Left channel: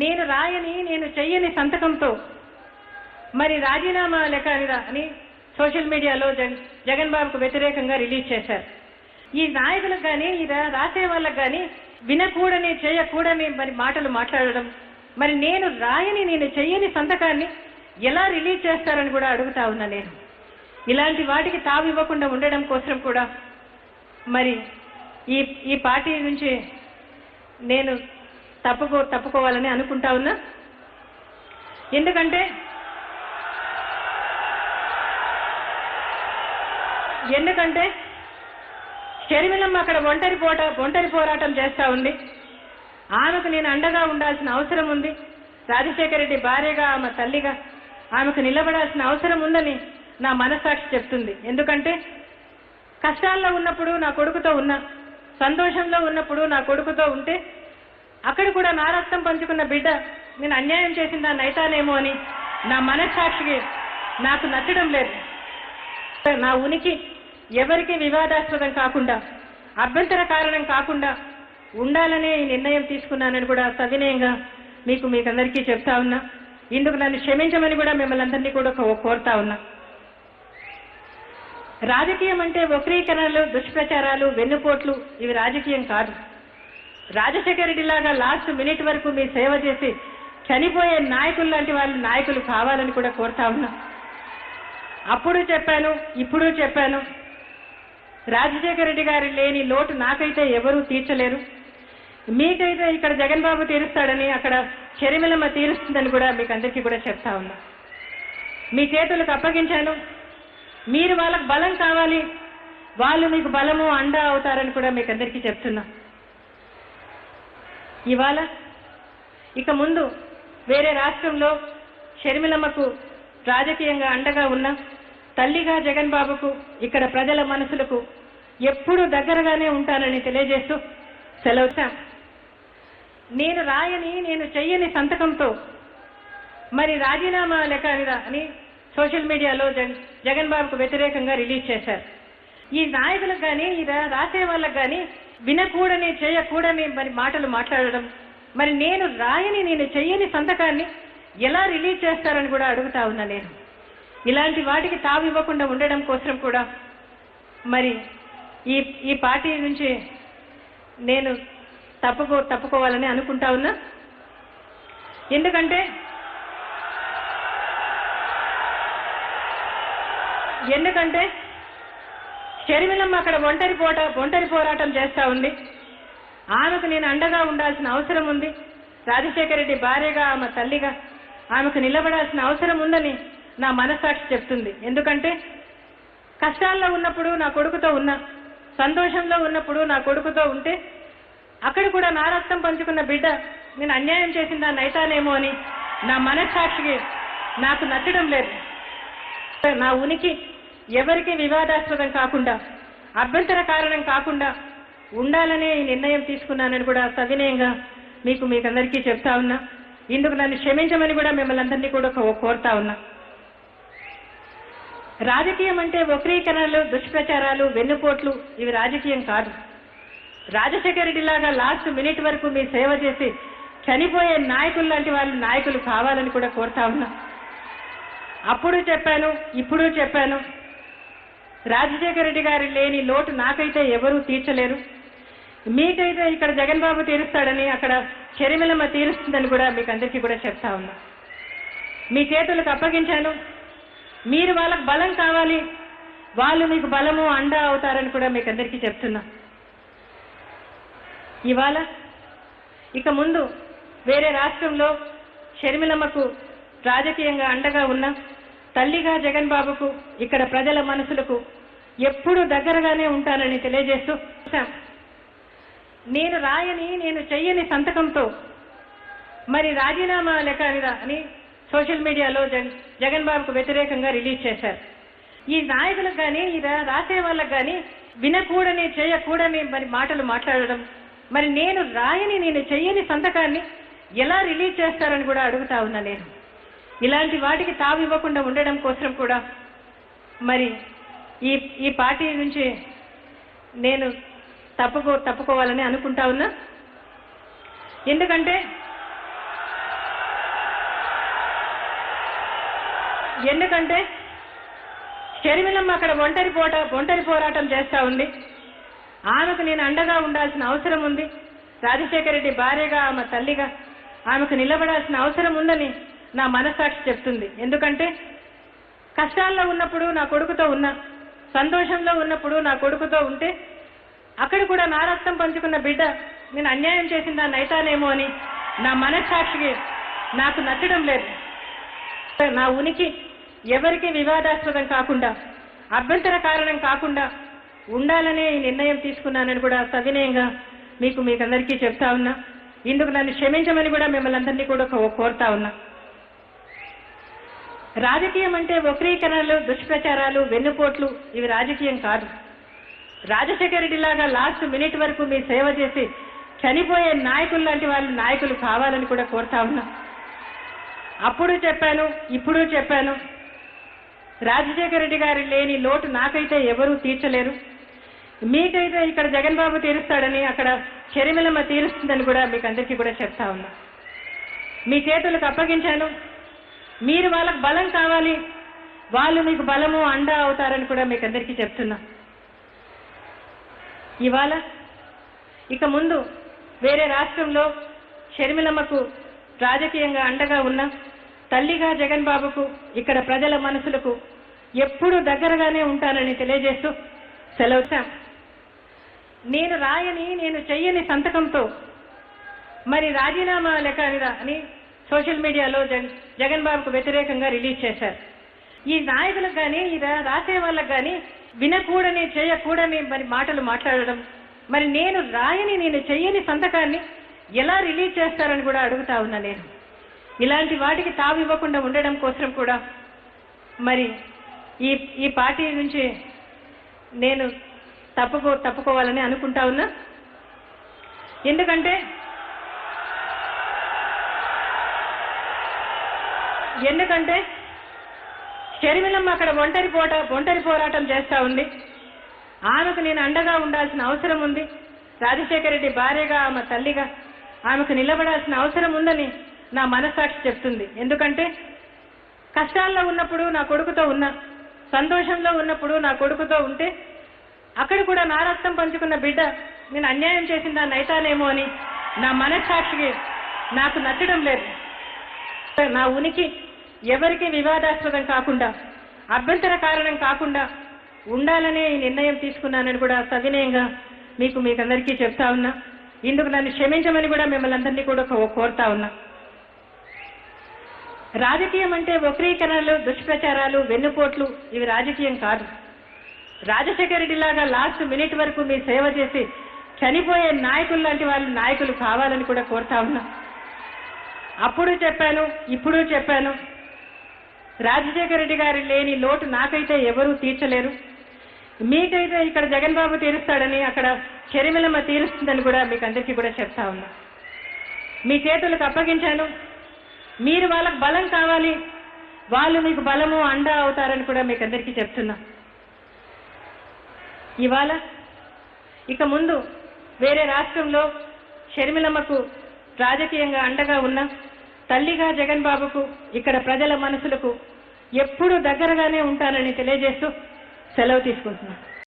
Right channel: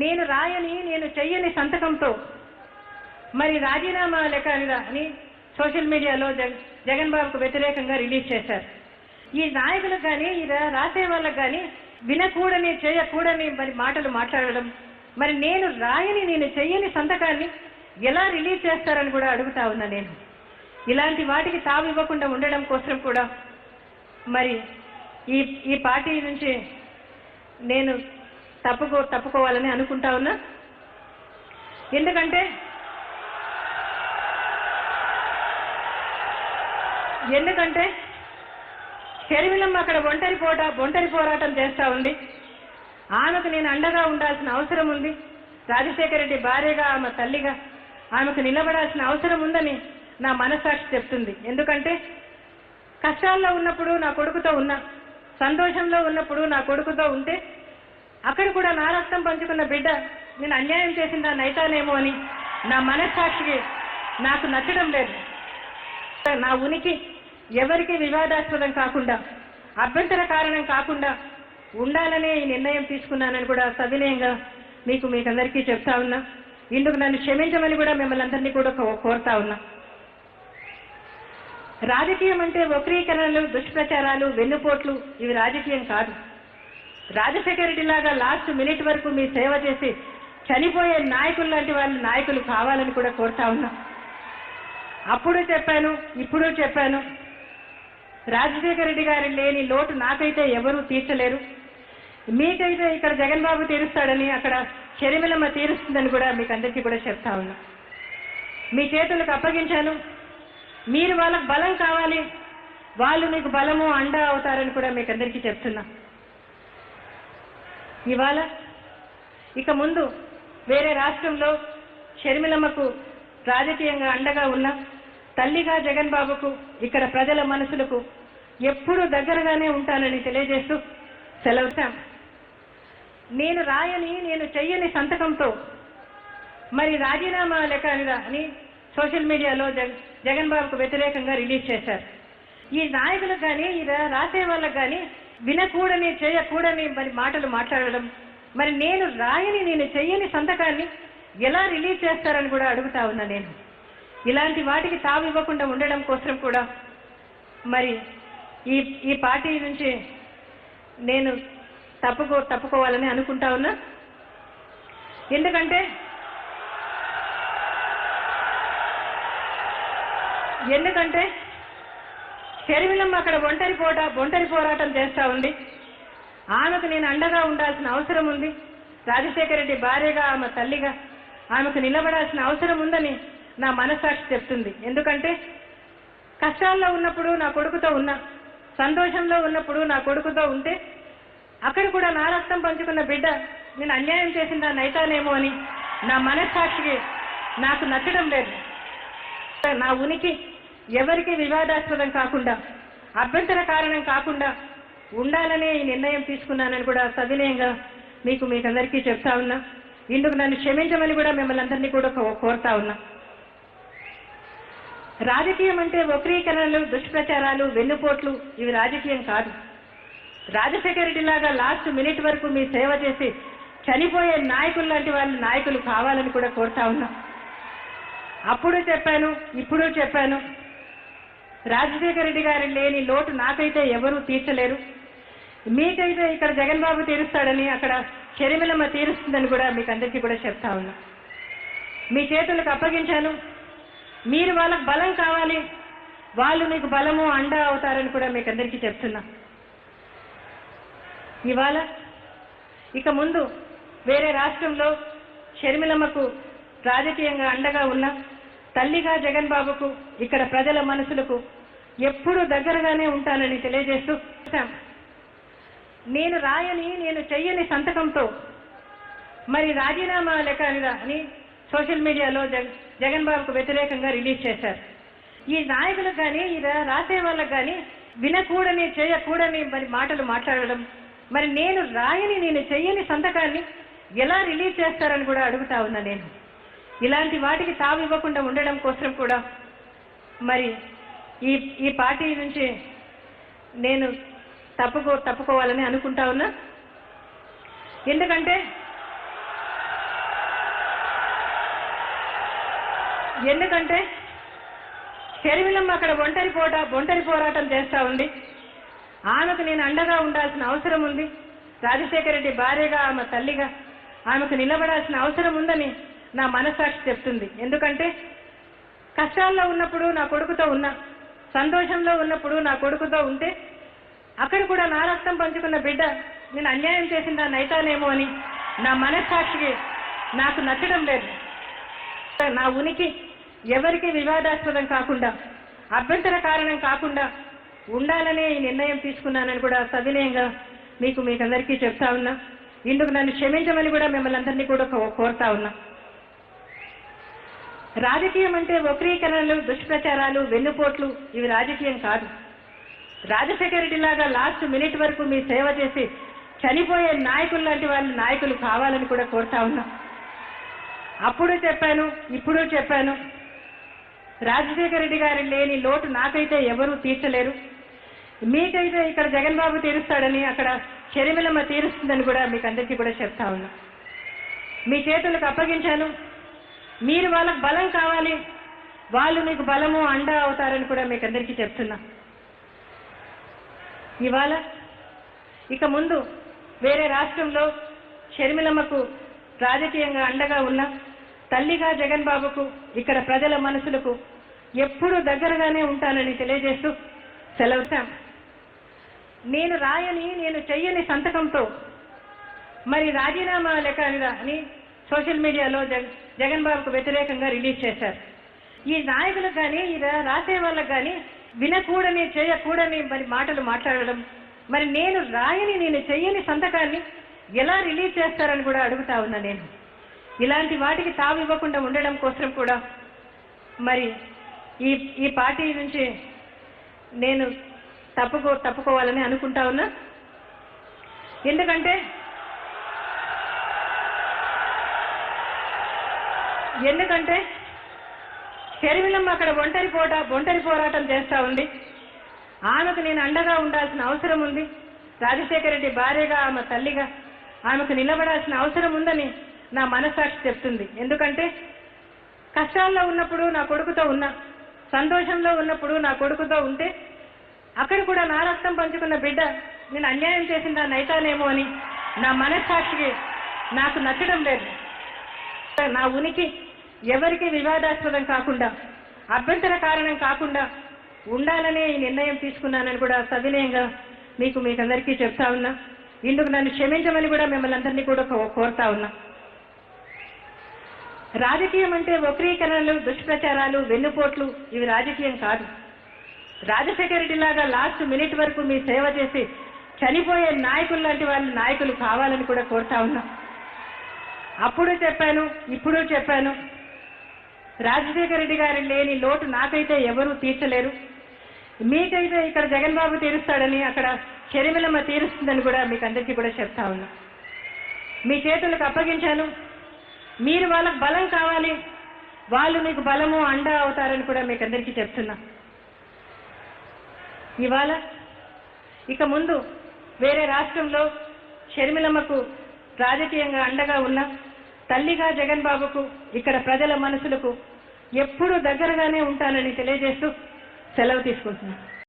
నేను రాయని నేను చెయ్యని సంతకంతో మరి రాజీనామా లెక్క అని సోషల్ మీడియాలో జగన్ బాబుకు వ్యతిరేకంగా రిలీజ్ చేశారు. ఈ నాయకులకు కానీ ఈ రాసే వాళ్ళకు కానీ వినకూడని చేయకూడని మరి మాటలు మాట్లాడడం, మరి నేను రాయని నేను చెయ్యని సంతకాన్ని ఎలా రిలీజ్ చేస్తారని కూడా అడుగుతా ఉన్నా. నేను ఇలాంటి వాటికి తావు ఇవ్వకుండా ఉండడం కోసం కూడా మరి ఈ పార్టీ నుంచి నేను తప్పుకోవాలని అనుకుంటా ఉన్నా. ఎందుకంటే షర్మిలమ్మ అక్కడ ఒంటరి పోరాటం చేస్తూ ఉంది. ఆమెకు నేను అండగా ఉండాల్సిన అవసరం ఉంది. రాజశేఖర రెడ్డి భార్యగా, ఆమె తల్లిగా ఆమెకు నిలబడాల్సిన అవసరం ఉందని నా మనస్సాక్షి చెప్తుంది. ఎందుకంటే కష్టాల్లో ఉన్నప్పుడు నా కొడుకుతో ఉన్నా, సంతోషంలో ఉన్నప్పుడు నా కొడుకుతో ఉంటే అక్కడ కూడా నా రక్తం పంచుకున్న బిడ్డ నేను అన్యాయం చేసిందా నైతానేమో అని నా మనస్సాక్షికి నాకు నచ్చడం లేదు. నా ఉనికి ఎవరికి వివాదాస్పదం కాకుండా, అభ్యంతర కారణం కాకుండా ఉండాలనే ఈ నిర్ణయం తీసుకున్నానని కూడా సవినయంగా మీకందరికీ చెప్తా ఉన్నా. ఇందుకు నన్ను క్షమించమని కూడా మిమ్మల్ని అందరినీ కూడా కోరుతా ఉన్నా. రాజకీయం అంటే వక్రీకరణలు, దుష్ప్రచారాలు, వెన్నుపోట్లు ఇవి రాజకీయం కాదు. రాజశేఖర రెడ్డి లాగా లాస్ట్ మినిట్ వరకు మీ సేవ చేసి చనిపోయే నాయకులు లాంటి వాళ్ళు నాయకులు కావాలని కూడా కోరుతా ఉన్నా. అప్పుడు చెప్పాను, ఇప్పుడు చెప్పాను, రాజశేఖర రెడ్డి గారి లేని లోటు నాకైతే ఎవరూ తీర్చలేరు. మీకైతే ఇక్కడ జగన్ బాబు తీరుస్తాడని, అక్కడ షర్మిలమ్మ తీరుస్తుందని కూడా మీకు అందరికీ కూడా చెప్తా ఉన్నా. మీ చేతులకు అప్పగించాను. మీరు వాళ్ళకు బలం కావాలి, వాళ్ళు మీకు బలము అండ అవుతారని కూడా మీకు అందరికీ చెప్తున్నా. ఇవాళ ఇక ముందు వేరే రాష్ట్రంలో షర్మిలమ్మకు రాజకీయంగా అండగా ఉన్న తల్లిగా జగన్ బాబుకు ఇక్కడ ప్రజల మనసులకు ఎప్పుడూ దగ్గరగానే ఉంటానని తెలియజేస్తూ సెలవు. నేను రాయని నేను చెయ్యని సంతకంతో మరి రాజీనామా లెక్క అని సోషల్ మీడియాలో జగన్ బాబుకు వ్యతిరేకంగా రిలీజ్ చేశారు. ఈ నాయకులకు కానీ ఈ రాసే వాళ్ళకు కానీ వినకూడని చేయకూడని మరి మాటలు మాట్లాడడం, మరి నేను రాయని నేను చెయ్యని సంతకాన్ని ఎలా రిలీజ్ చేస్తారని కూడా అడుగుతా ఉన్నా. నేను ఇలాంటి వాటికి తావు ఇవ్వకుండా ఉండడం కోసం కూడా మరి ఈ పార్టీ నుంచి నేను తప్పుకోవాలని అనుకుంటా ఉన్నా. ఎందుకంటే షర్మిలమ్మ అక్కడ ఒంటరి పోరాటం చేస్తూ ఉంది. ఆమెకు నేను అండగా ఉండాల్సిన అవసరం ఉంది. రాజశేఖర రెడ్డి భార్యగా, ఆమె తల్లిగా ఆమెకు నిలబడాల్సిన అవసరం ఉందని నా మనస్సాక్షి చెప్తుంది. ఎందుకంటే కష్టాల్లో ఉన్నప్పుడు నా కొడుకుతో ఉన్నా, సంతోషంలో ఉన్నప్పుడు నా కొడుకుతో ఉంటే అక్కడ కూడా నా రక్తం పంచుకున్న బిడ్డ నేను అన్యాయం చేసిందా నైతానేమో అని నా మనస్సాక్షికి నాకు నచ్చడం లేదు. నా ఉనికి ఎవరికి వివాదాస్పదం కాకుండా, అభ్యంతర కారణం కాకుండా ఉండాలనే ఈ నిర్ణయం తీసుకున్నానని కూడా సవినయంగా మీకందరికీ చెప్తా ఉన్నా. ఇందుకు నన్ను క్షమించమని కూడా మిమ్మల్ని అందరినీ కూడా కోరుతా ఉన్నా. రాజకీయం అంటే వక్రీకరణలు, దుష్ప్రచారాలు, వెన్నుపోట్లు ఇవి రాజకీయం కాదు. రాజశేఖర రెడ్డి లాగా లాస్ట్ మినిట్ వరకు మీ సేవ చేసి చనిపోయే నాయకులు లాంటి వాళ్ళు నాయకులు కావాలని కూడా కోరుతా ఉన్నా. అప్పుడు చెప్పాను, ఇప్పుడు చెప్పాను, రాజశేఖర రెడ్డి గారి లేని లోటు నాకైతే ఎవరూ తీర్చలేరు. మీకైతే ఇక్కడ జగన్ బాబు తీరుస్తాడని, అక్కడ షర్మిలమ్మ తీరుస్తుందని కూడా మీకు అందరికీ కూడా చెప్తా ఉన్నా. మీ చేతులకు అప్పగించాను. మీరు వాళ్ళకు బలం కావాలి, వాళ్ళు మీకు బలము అండ అవుతారని కూడా మీకు అందరికీ చెప్తున్నా. ఇవాళ ఇక ముందు వేరే రాష్ట్రంలో షర్మిలమ్మకు రాజకీయంగా అండగా ఉన్న తల్లిగా జగన్ బాబుకు ఇక్కడ ప్రజల మనసులకు ఎప్పుడూ దగ్గరగానే ఉంటానని తెలియజేస్తూ, నేను రాయని నేను చెయ్యని సంతకంతో మరి రాజీనామా లెక్క అని సోషల్ మీడియాలో జగన్ బాబుకు వ్యతిరేకంగా రిలీజ్ చేశారు. ఈ నాయకులకు కానీ ఈ రాసే వాళ్ళకు కానీ వినకూడని చేయకూడని మరి మాటలు మాట్లాడడం, మరి నేను రాయని నేను చెయ్యని సంతకాన్ని ఎలా రిలీజ్ చేస్తారని కూడా అడుగుతా ఉన్నా. నేను ఇలాంటి వాటికి తావు ఇవ్వకుండా ఉండడం కోసం కూడా మరి ఈ పార్టీ నుంచి నేను తప్పుకోవాలని అనుకుంటా ఉన్నా. ఎందుకంటే షర్మిలమ్మ అక్కడ ఒంటరి పోరాటం చేస్తూ ఉంది. ఆమెకు నేను అండగా ఉండాల్సిన అవసరం ఉంది. రాజశేఖర రెడ్డి భార్యగా, ఆమె తల్లిగా ఆమెకు నిలబడాల్సిన అవసరం ఉందని నా మనస్సాక్షి చెప్తుంది. ఎందుకంటే కష్టాల్లో ఉన్నప్పుడు నా కొడుకుతో ఉన్నా, సంతోషంలో ఉన్నప్పుడు నా కొడుకుతో ఉంటే అక్కడ కూడా నా రక్తం పంచుకున్న బిడ్డ నేను అన్యాయం చేసిందా నైతానేమో అని నా మనస్సాక్షికి నాకు నచ్చడం లేదు. నా ఉనికి ఎవరికి వివాదాస్పదం కాకుండా, అభ్యంతర కారణం కాకుండా ఉండాలనే ఈ నిర్ణయం తీసుకున్నానని కూడా సవినయంగా మీకందరికీ చెప్తా ఉన్నా. ఇందుకు నన్ను క్షమించమని కూడా మిమ్మల్ని అందరినీ కూడా కోరుతా ఉన్నా. రాజకీయం అంటే వక్రీకరణలు, దుష్ప్రచారాలు, వెన్నుపోట్లు ఇవి రాజకీయం కాదు. రాజశేఖర రెడ్డి లాగా లాస్ట్ మినిట్ వరకు మీ సేవ చేసి చనిపోయే నాయకులు లాంటి వాళ్ళు నాయకులు కావాలని కూడా కోరుతా ఉన్నా. అప్పుడు చెప్పాను, ఇప్పుడు చెప్పాను, రాజశేఖర రెడ్డి గారి లేని లోటు నాకైతే ఎవరూ తీర్చలేరు. మీకైతే ఇక్కడ జగన్ బాబు తీరుస్తాడని, అక్కడ షర్మిలమ్మ తీరుస్తుందని కూడా మీకు అందరికీ కూడా చెప్తా ఉన్నా. మీ చేతులకు అప్పగించాను. మీరు వాళ్ళకు బలం కావాలి, వాళ్ళు మీకు బలము అండ అవుతారని కూడా మీకు అందరికీ చెప్తున్నా. ఇవాళ ఇక ముందు వేరే రాష్ట్రంలో షర్మిలమ్మకు రాజకీయంగా అండగా ఉన్న తల్లిగా జగన్ బాబుకు ఇక్కడ ప్రజల మనసులకు ఎప్పుడూ దగ్గరగానే ఉంటానని తెలియజేస్తూ సెలవు. నేను రాయని, నేను చెయ్యని సంతకంతో మరి రాజీనామా లెక్క అని సోషల్ మీడియాలో జగన్ బాబుకు వ్యతిరేకంగా రిలీజ్ చేశారు. ఈ నాయకులకు కానీ, ఈ రాసే వాళ్ళకు కానీ వినకూడని, చేయకూడని మరి మాటలు మాట్లాడడం, మరి నేను రాయని, నేను చెయ్యని సంతకాన్ని ఎలా రిలీజ్ చేస్తారని కూడా అడుగుతా ఉన్నా. నేను ఇలాంటి వాటికి తావు ఇవ్వకుండా ఉండడం కోసం కూడా మరి ఈ పార్టీ నుంచి నేను తప్పుకోవాలని అనుకుంటా ఉన్నా. ఎందుకంటే షర్మిలమ్మ అక్కడ ఒంటరి పోరాటం చేస్తూ ఉంది. ఆమెకు నేను అండగా ఉండాల్సిన అవసరం ఉంది. రాజశేఖర రెడ్డి భార్యగా, ఆమె తల్లిగా ఆమెకు నిలబడాల్సిన అవసరం ఉందని నా మనస్సాక్షి చెప్తుంది. ఎందుకంటే కష్టాల్లో ఉన్నప్పుడు నా కొడుకుతో ఉన్నా, సంతోషంలో ఉన్నప్పుడు నా కొడుకుతో ఉంటే అక్కడ కూడా నా రక్తం పంచుకున్న బిడ్డ నేను అన్యాయం చేసిందా నైతానేమో అని నా మనస్సాక్షికి నాకు నచ్చడం లేదు. నా ఉనికి ఎవరికి వివాదాస్పదం కాకుండా, అభ్యంతర కారణం కాకుండా ఉండాలనే ఈ నిర్ణయం తీసుకున్నానని కూడా సవినయంగా మీకందరికీ చెప్తా ఉన్నా. ఇందుకు నన్ను క్షమించమని కూడా మిమ్మల్ని అందరినీ కూడా కోరుతా ఉన్నా. రాజకీయం అంటే వక్రీకరణలు, దుష్ప్రచారాలు, వెన్నుపోట్లు ఇవి రాజకీయం కాదు. రాజశేఖర రెడ్డి లాగా లాస్ట్ మినిట్ వరకు మీ సేవ చేసి చనిపోయే నాయకులు లాంటి వాళ్ళు నాయకులు కావాలని కూడా కోరుతా ఉన్నా. అప్పుడు చెప్పాను, ఇప్పుడు చెప్పాను, రాజశేఖర రెడ్డి గారి లేని లోటు నాకైతే ఎవరూ తీర్చలేరు. మీకైతే ఇక్కడ జగన్ బాబు తీరుస్తాడని, అక్కడ షర్మిలమ్మ తీరుస్తుందని కూడా మీకు అందరికీ కూడా చెప్తా ఉన్నా. మీ చేతులకు అప్పగించాను. మీరు వాళ్ళకు బలం కావాలి, వాళ్ళు మీకు బలము అండ అవుతారని కూడా మీకు అందరికీ చెప్తున్నా. ఇవాళ ఇక ముందు వేరే రాష్ట్రంలో షర్మిలమ్మకు రాజకీయంగా అండగా ఉన్న తల్లిగా జగన్ బాబుకు ఇక్కడ ప్రజల మనసులకు ఎప్పుడూ దగ్గరగానే ఉంటానని తెలియజేస్తూ సెలవు తీసుకుంటున్నాను.